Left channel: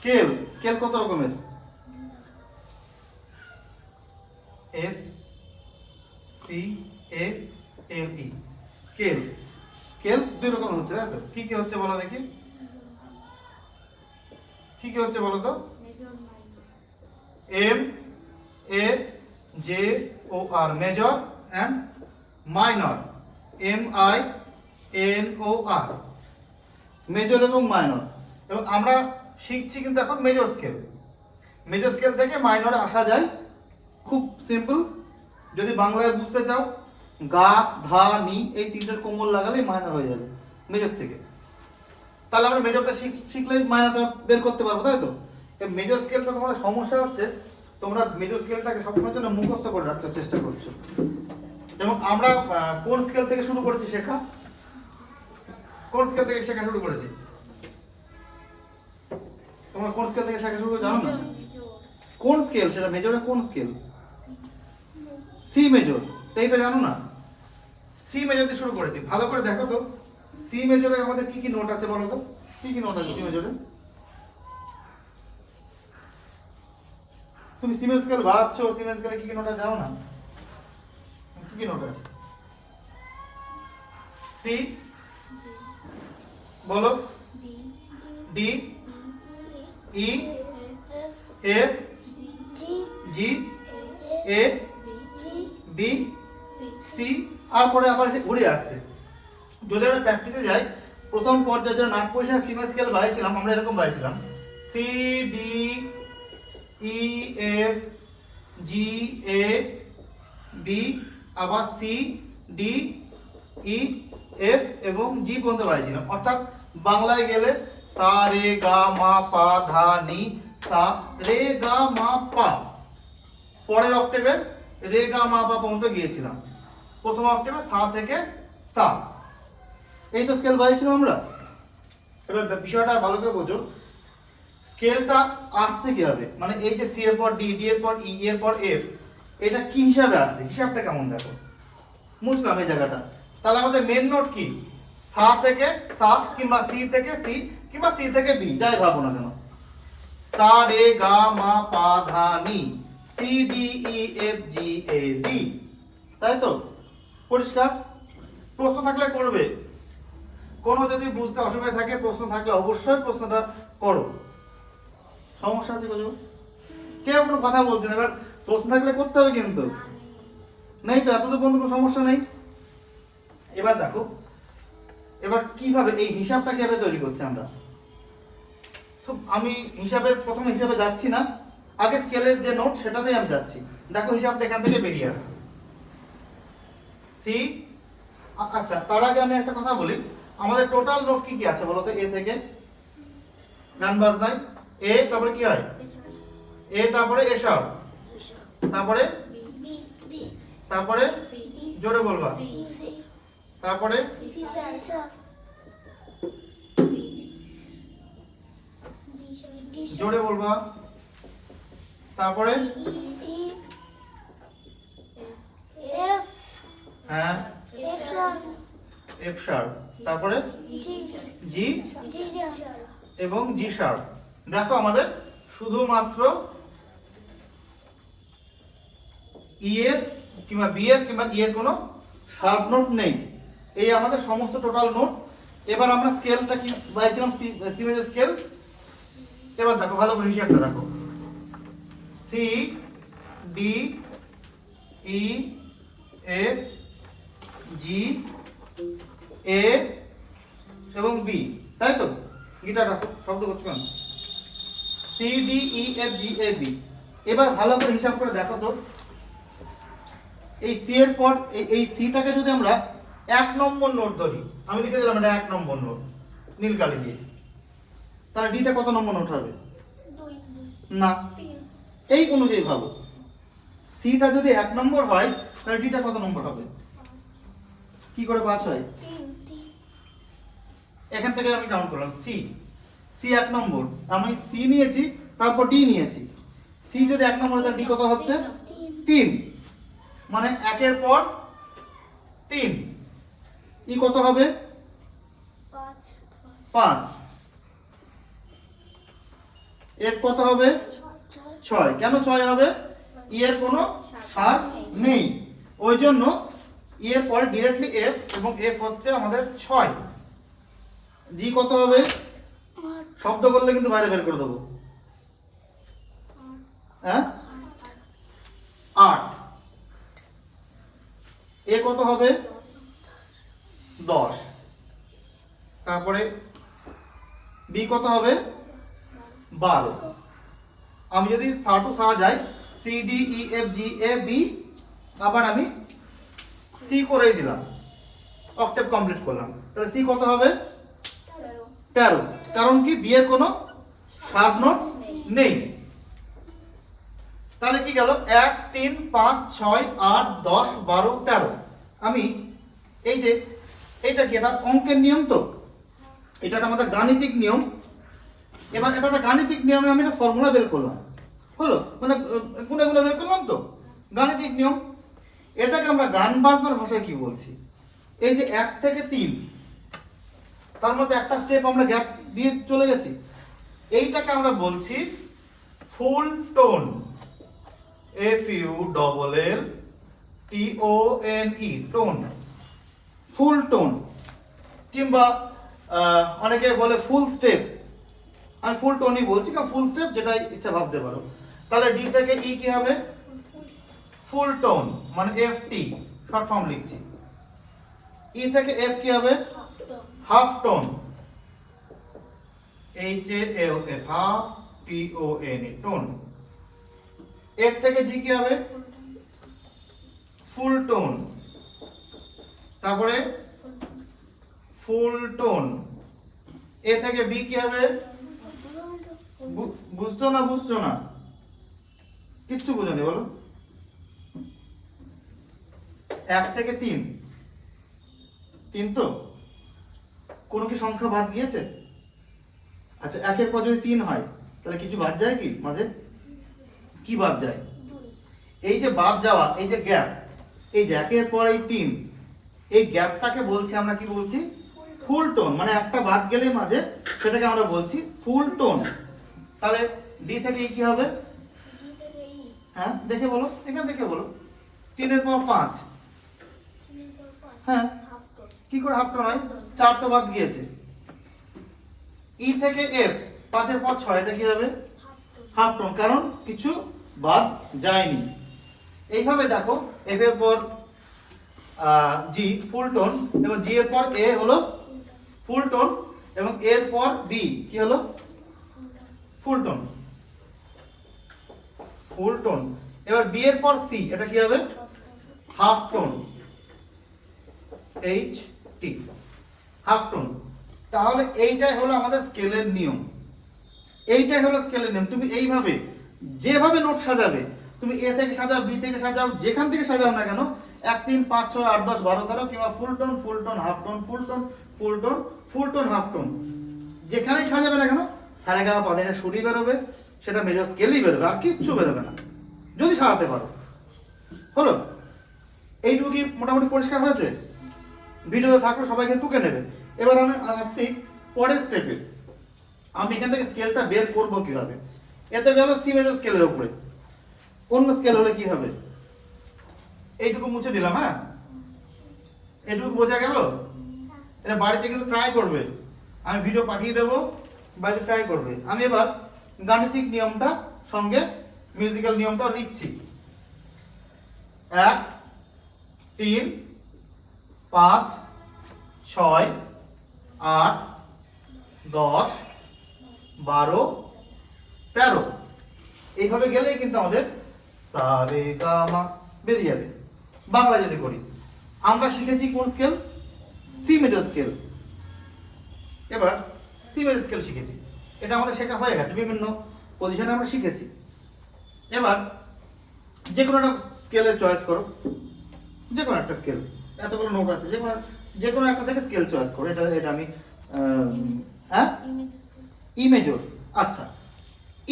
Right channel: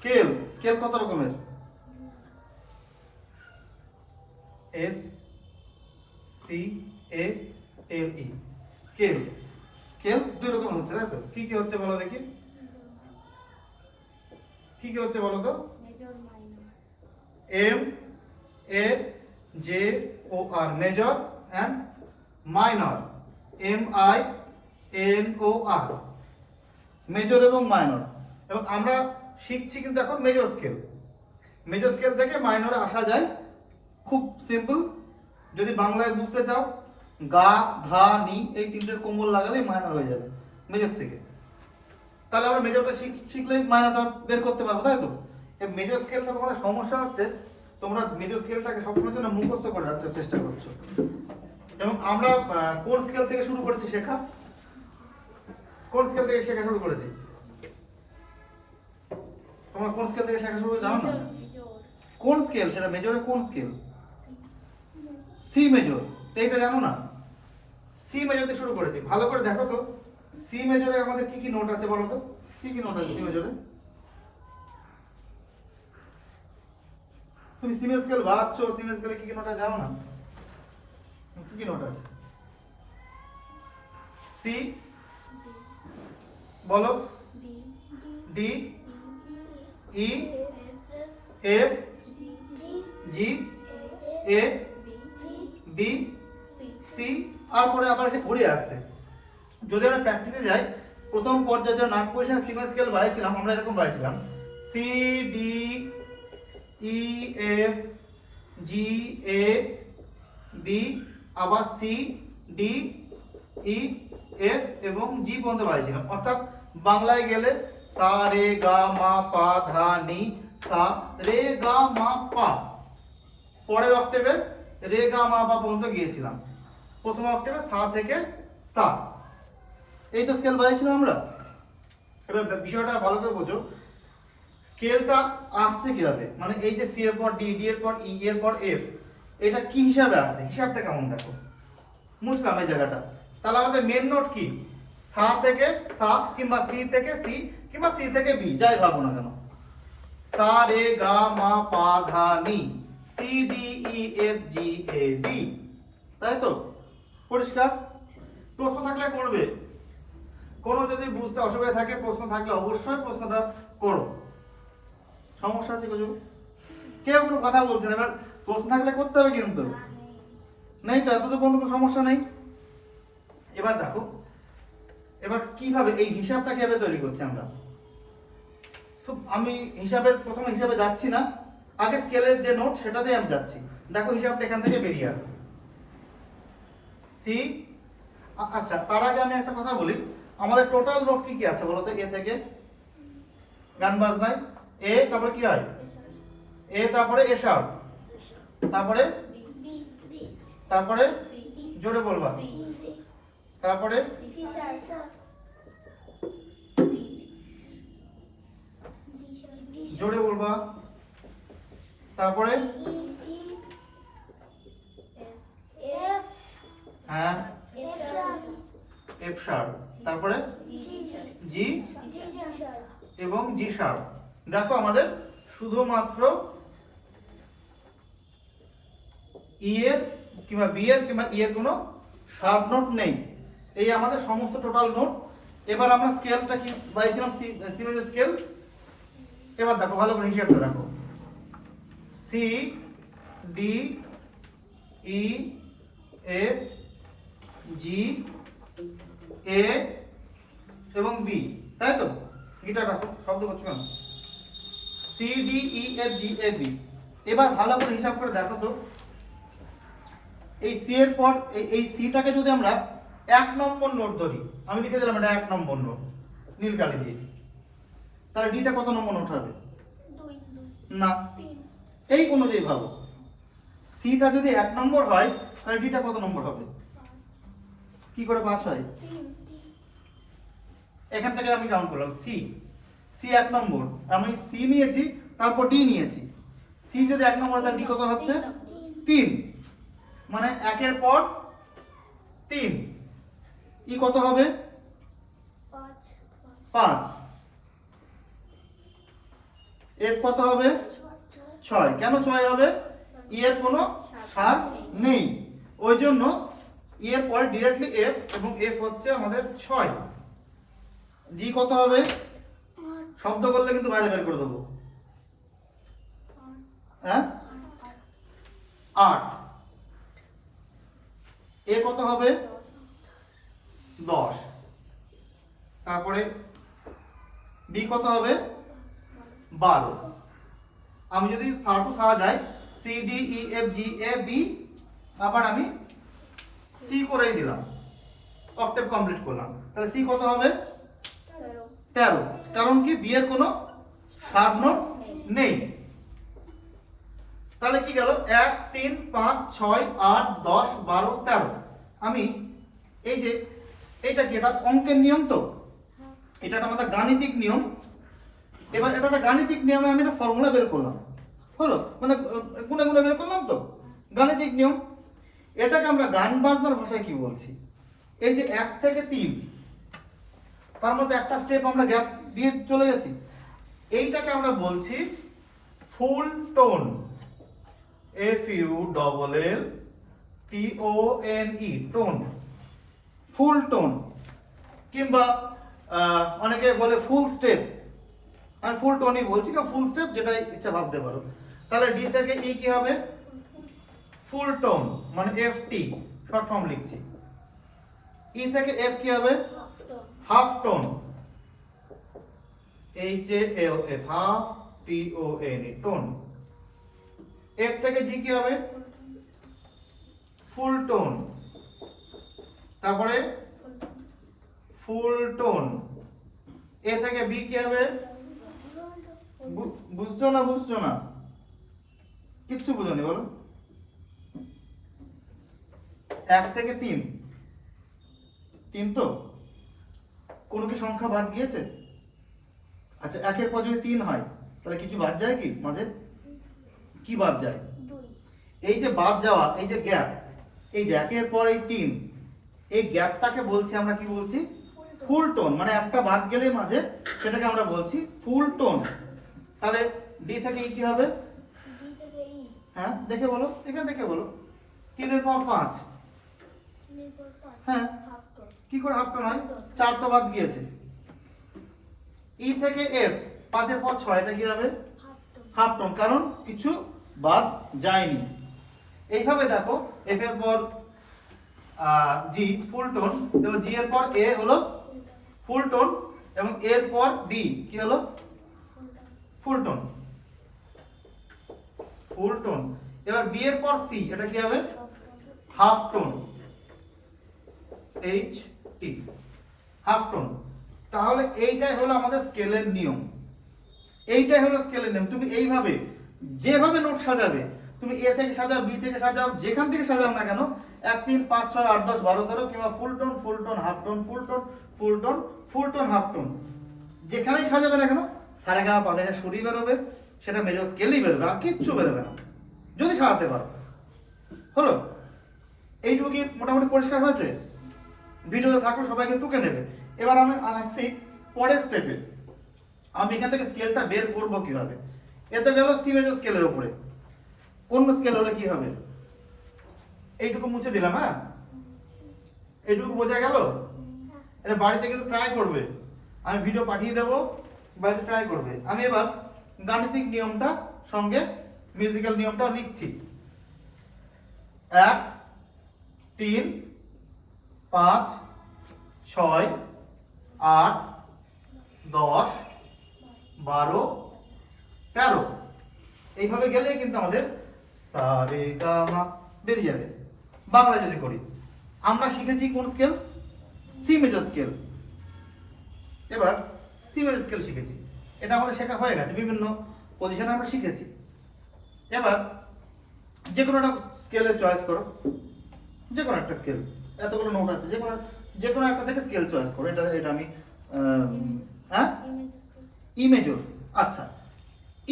Scale scale কত রকমের? S C এ এল ই scale. Scale দুই রকম হচ্ছে, তাই তো? কি কি হচ্ছে বলো দেখি, কি কি হচ্ছে বলো তো? M A J O R, major and minor, M I N O R, major এবং মাইনর। এবং আমরা শিখছি কিন্তু এখন মেজর স্কেল। মেজর স্কেল থেকে মাইনরে আসা যায়, খুব সিম্পল। যদি বাংলায় বুঝতে চাও, গা ধা নি এই তিনটের কোমল লাগালেই মাইনর হয়ে যাবে মেজর থেকে। তাহলে আমরা মেজরটা শিখলেই মাইনরটা বের করতে পারবো, তাই তো? মেজর স্কেলটা তোমাদের সমস্যা হচ্ছে, তোমরা মেজর স্কেলটাকে সবসময়ের জন্য মুখস্থ করে রাখার চেষ্টা করছো। এবং আমরা কোন স্কেল থেকে শুরু করেছি শেখা? কোন স্কেল থেকে শেখা শুরু করেছি? তোমরা কোন স্কেল থেকে শেখা শুরু করে জানো না? কোন স্কেল সেটা? মেজরের কোন স্কেল? C major. এইটা জানো না? সি মেজর দিয়ে শুরু করেছি। ভালো করে দেখো তো, সি মেজরে আমাদের কি কি নোট আছে বলো তো? কি কি নোট আছে সি মেজরে? তুমি সি মেজর স্কেল বাজাচ্ছো, সি মেজর স্কেলে কি কি নোট আছে জানো না? কি কি নোট আছে? সি বলো, D E F G A B C, আর পরে আবার ঘুরে আসছে। যদি আমরা প্র্যাকটিসে যাই, প্রথম পর্যায়ে যখন 8 পয়সা সি মেজর স্কেল বাড়িয়েছিলাম, আমরা এরকম বাড়িয়েছিলাম C D E F G A B, আবার সি ডি ই এফ এবং জি পর্যন্ত বাড়িয়েছিলাম। অর্থাৎ বাংলায় গেলে সা রে গা মা পা ধা নি, সা রে গা মা পা। পরের অক্টেভে রে গা মা পা পর্যন্ত গিয়েছিলাম। প্রথম অক্টেভে সা থেকে সা। এই তো স্কেল বাড়িয়েছিলাম আমরা। এবার বিষয়টা ভালো করে বোঝো, স্কেলটা আসছে কিভাবে, মানে এই যে সি এর পর ডি, ডি এর পর ই, এর পর এফ, এটা কি হিসাবে আসছে, হিসাবটা কেমন দেখো। মুছলাম এই জায়গাটা। তাহলে আমাদের মেন নোট কি? সা থেকে সা, কিংবা সি থেকে সি, কিংবা সি থেকে বি, যাই ভাবো না কেন। সা রে গা মা পা ধা নি, C D E F G A B, তাই তো? পরিষ্কার? প্রশ্ন থাকলে করবে, কোনো যদি বুঝতে অসুবিধা থাকে, প্রশ্ন থাকলে অবশ্যই প্রশ্নটা করো। সমস্যা আছে কিছু? কেউ কোনো কথা বলছে না, এবার প্রশ্ন থাকলে করতে হবে কিন্তু। নেই তো, এতদূর পর্যন্ত কোনো সমস্যা নেই। এবার দেখো, এবার কিভাবে এই হিসাবটা কিভাবে তৈরি করছি আমরা। আমি হিসাবের প্রথম হিসাবে যাচ্ছি না, আগে স্কেলের যে নোট সেটাতেই আমি যাচ্ছি। দেখো হিসাবটা এখান থেকে বেরিয়ে আসছে সি। আচ্ছা, তার আগে আমি একটা কথা বলি, আমাদের টোটাল নোট কি কি আছে বলো তো? এ থেকে গান বাজনায় এ, তারপরে কি হয়? এ, তারপরে এ শার্প, তারপরে তারপরে জোরে বলবা, তারপরে জোরে বলবা, তারপরে হ্যাঁ এফ শার্প, তারপরে জি এবং জি শার্প। দেখো আমাদের শুধুমাত্র ই এর কিংবা বি এর কিংবা ই এর কোনো শার্প নোট নেই। এই আমাদের সমস্ত টোটাল নোট। এবার আমরা স্কেলটা কি বাইছিলাম? C major scale. এবার দেখো ভালো করে হিসাবটা দেখো, C D E F G A এবং বি, তাই তো? গিটার রাখো, শব্দ করছো কেন? C D E F G A B. এবার ভালো করে হিসাব করে দেখো তো, এই সি এর পর এই সিটাকে যদি আমরা 1 নম্বর নোট ধরি, আমি লিখে দিলাম এটা 1 নম্বর নোট নীল কালি দিয়ে, তাহলে ডিটা কত নম্বর নোট হবে? না, এই অনুযায়ী ভাবো, সিটা যদি 1 নম্বর হয় তাহলে ডিটা কত নম্বর হবে? কি করে 5 হয়? এখান থেকে আমি কাউন্ট করলাম সি, সি 1 নম্বর, আমি সি নিয়েছি, তারপর ডি নিয়েছি। সি যদি 1 নম্বর হয় তাহলে ডি কত হচ্ছে? 3, মানে 1 এর পর 3। ই কত হবে? 5। এফ কত হবে 6। কেন 6 হবে? ই এর কোনো সার নেই, ওই জন্য ই এর পরে ডিরেক্টলি এফ, এবং এফ হচ্ছে আমাদের 6। জি কত হবে? শব্দ করলে কিন্তু বাইরে বের করে দেবো। হ্যাঁ 8। এ কত হবে 10। তারপরে বি কত হবে 12। আমি যদি সা টু সা যাই, C D E F G A B, আবার আমি সি করেই দিলাম, অক্টেভ কমপ্লিট করলাম। তাহলে সি কত হবে 13। কারণ কি বি এর কোনো শার্প নোট নেই। তাহলে কি গেল 1 3 5 6 8 10 12 13। আমি এই যে এটা কি, এটা অঙ্কের নিয়ম, তো এটা আমাদের গাণিতিক নিয়ম। এবার এটা একটা গাণিতিক নিয়মে আমি একটা ফর্মুলা বের করলাম, হলো মানে গুণে গুণে বের করলাম, তো গাণিতিক নিয়ম। এটাকে আমরা গান বাজনার ভাষায় কি বলছি? এই যে 1 থেকে 3, তার মধ্যে একটা স্টেপ আমরা গ্যাপ দিয়ে চলে গেছি, এইটাকে আমরা বলছি full tone, F U double L T O N E, tone, full tone. কিংবা অনেকে বলে ফুল স্টেপ, আমি ফুল টোনই বলছি, কারণ ফুল স্টেপ যেটা ইচ্ছা ভাবতে পারো। তাহলে ডি থেকে ই কি হবে ফুল টোন, মানে এফ টি শর্ট ফর্ম লিখছি। ই থেকে এফ কি হবে half tone, H A L F, half T O N E, tone. F থেকে জি কি হবে ফুল টোন, তারপরে ফুল টোন। এ থেকে বি কি হবে বুঝছো না কিচ্ছু বুঝোনি বলো। 1 থেকে 3, 3 তো কোনো কি সংখ্যা বাদ গিয়েছে? আচ্ছা 1 এর পর যদি 3 হয় তাহলে কিছু বাদ যায় কি মাঝে? কি বাদ যায়? এই যে বাদ যাওয়া, এই যে গ্যাপ, এই যে 1 এর পর এই 3, এই গ্যাপটাকে বলছি আমরা কি বলছি ফুল টোন, মানে একটা বাদ গেলে মাঝে সেটাকে আমরা বলছি ফুল টোন। তাহলে ডি থেকে কি হবে? হ্যাঁ দেখে বলো, এখানে দেখে বলো। 3 এর পর 5, হ্যাঁ কি করে হাফ টোন হয়? 4 তো বাদ গিয়েছে। ই থেকে এফ 5 এর পর 6, এটা কি হবে হাফ টোন, কারণ কিছু বাদ যায়নি। এইভাবে দেখো এফ এর পর জি ফুল টোন, এবং জি এর পর এ হলো ফুল টোন, এবং এর পর ডি কি হলো ফুল টোন, ফুল টোন। এবার বি এর পর সি, এটা কি হবে half tone, H T, half tone. তাহলে এইটাই হলো আমাদের স্কেলের নিয়ম, এইটাই হলো স্কেলের নিয়ম। তুমি এইভাবে যেভাবে নোট সাজাবে, তুমি এ থেকে সাজাও, বি থেকে সাজাও, যেখান থেকে সাজাও না কেন, 1 3 5 6 8 10 12 13, কিংবা ফুল tone half tone, full tone half tone, যেখানেই সাজাবে না কেন সারেগামা পা থেকে সুরই বেরোবে, সেটা মেজর স্কেলই বেরোবে, আর কিচ্ছু বেরোবে না যদি সাজাতে পারো। হলো এইটুকু কি মোটামুটি পরিষ্কার হয়েছে? ভিডিওতে থাকলে সবাইকে টুকে নেবে। এবার আমি আসছি পরের স্টেপে, আমি এখান থেকে স্কেলটা বের করব কিভাবে। এতে গেল সি মেজর স্কেলের উপরে, অন্য স্কেল হলে কি হবে? এইটুকু মুছে দিলাম, হ্যাঁ এইটুকু বোঝা গেল। এটা বাড়িতে কিন্তু ট্রাই করবে, আমি ভিডিও পাঠিয়ে দেবো, বাড়িতে ট্রাই করবে। আমি এবার গাণিতিক নিয়মটা সঙ্গে মিউজিক্যাল নিয়মটা লিখছি। 1 3 5 6 8 10 12 13, এইভাবে গেলেই কিন্তু আমাদের সা রে গা মা বেরিয়ে যাবে। বাংলা যদি করি, আমরা শিখেছি কোন স্কেল? C major scale. এবার সি মেজর স্কেল শিখেছি, এটা আমাদের শেখা হয়ে গেছে, বিভিন্ন পজিশনে আমরা শিখেছি। এবার যে কোনো একটা স্কেলের চয়েস করো, যে কোনো একটা স্কেল, এতগুলো নোট আছে, যে কোনো একটা থেকে স্কেল চয়েস করো। এটা আমি হ্যাঁ ই মেজর, আচ্ছা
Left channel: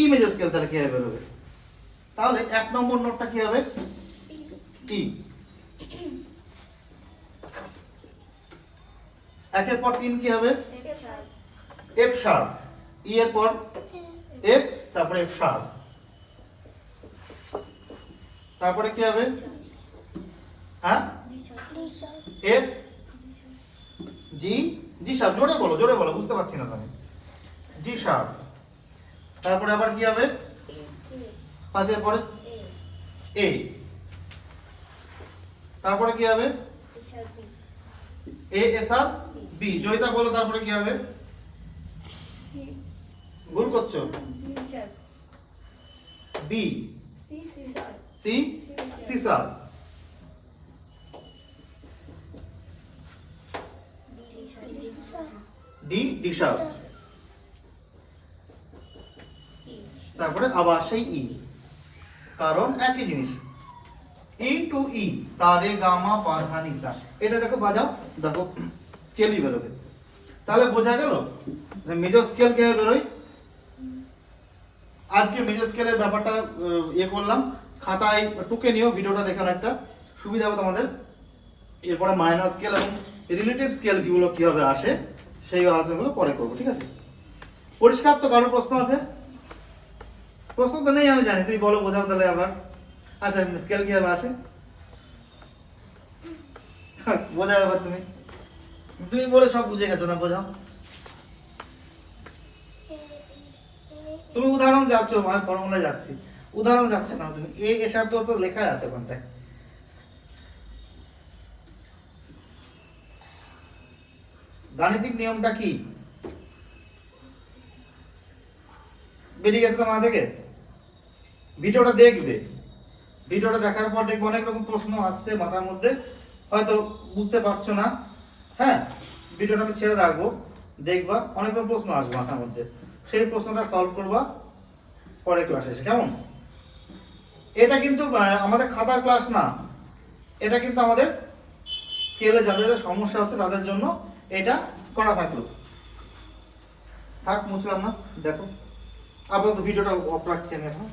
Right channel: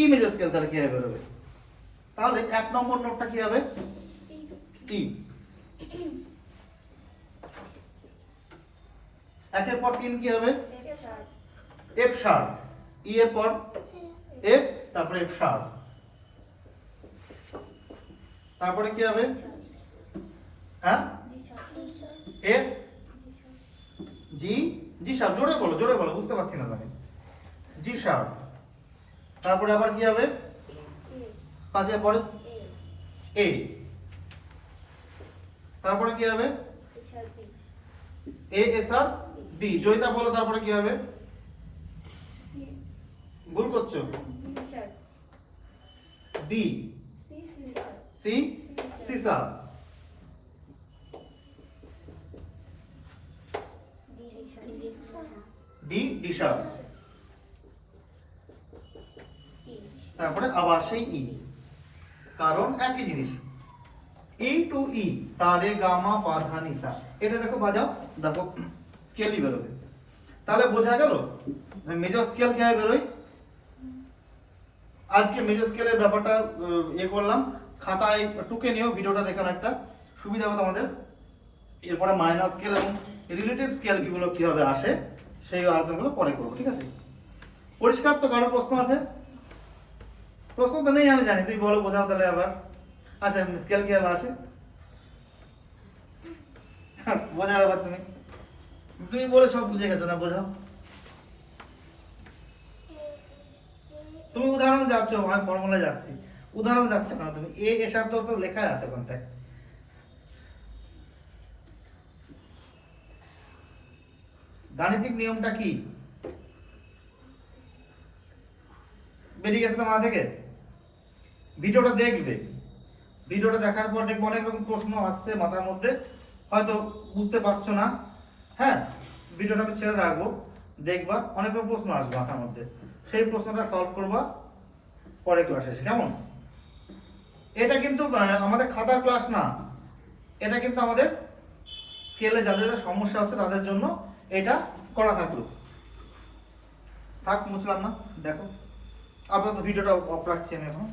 ই মেজর স্কেল তাহলে কি হবে বেরোবে? তাহলে 1 নম্বর নোটটা কি হবে ই, 1 এর পর 3 কি হবে এফ শার্প, ই এর পর এফ, তারপরে এফ শার্প, তারপরে কি হবে? হ্যাঁ, এফ জি, জি শার্প, জোরে বলো, বুঝতে পারছি না আমি। জি শার্প, তারপরে আবার কি হবে? পাশের পরে এ, তারপরে কি হবে? A A sharp B. Joyita বলো তারপরে কি হবে? ভুল করছো। B, C, C sharp, D, D sharp, তারপরে আবার সেই ই, কারণ একই জিনিস। ই টু ই, সা রে গা মা পা ধা নি সা। এটা দেখো বাজাও, দেখো স্কেলই বেরোবে। তাহলে বোঝা গেল মেজর স্কেল কিভাবে বেরোয়। আজকে মেজর স্কেলের ব্যাপারটা করলাম। খাতায় টুকে নিও, ভিডিওটা দেখো, একটা সুবিধা হবে তোমাদের। এরপরে মাইনর স্কেল এবং রিলেটিভ স্কেল কিগুলো কিভাবে আসে সেই আলোচনাগুলো পরে করবো, ঠিক আছে? পরিষ্কার তো? কারো প্রশ্ন আছে? প্রশ্ন তো নেই আমি জানি, তুই বলো, বোঝাও তাহলে আবার। আচ্ছা, স্কেল কিভাবে আসে বোঝাও এবার। তুমি বলে সব বুঝে গেছো না, বোঝাও। তুমি উদাহরণ যাচ্ছ, আমি ফর্মুলা যাচ্ছি, উদাহরণ যাচ্ছে না। তুমি এ এসব তো লেখাই আছে কোনটায়। গাণিতিক নিয়মটা কি বেরিয়ে গেছে তোমার থেকে? ভিডিওটা দেখবে, ভিডিওটা দেখার পর দেখবে অনেক রকম প্রশ্ন আসছে মাথার মধ্যে, হয়তো বুঝতে পারছো না। হ্যাঁ, ভিডিওটা আমি ছেড়ে রাখবো, দেখবা অনেক রকম প্রশ্ন আসবে মাথার মধ্যে, সেই প্রশ্নটা সলভ করবা পরে ক্লাসে এসে, কেমন? এটা কিন্তু আমাদের খাতার ক্লাস না, এটা কিন্তু আমাদের স্কেলে যাদের সমস্যা হচ্ছে তাদের জন্য এটা করা থাকলো। থাক, মুছলাম না, দেখো আপাতত ভিডিওটা অফ রাখছি আমি এখন।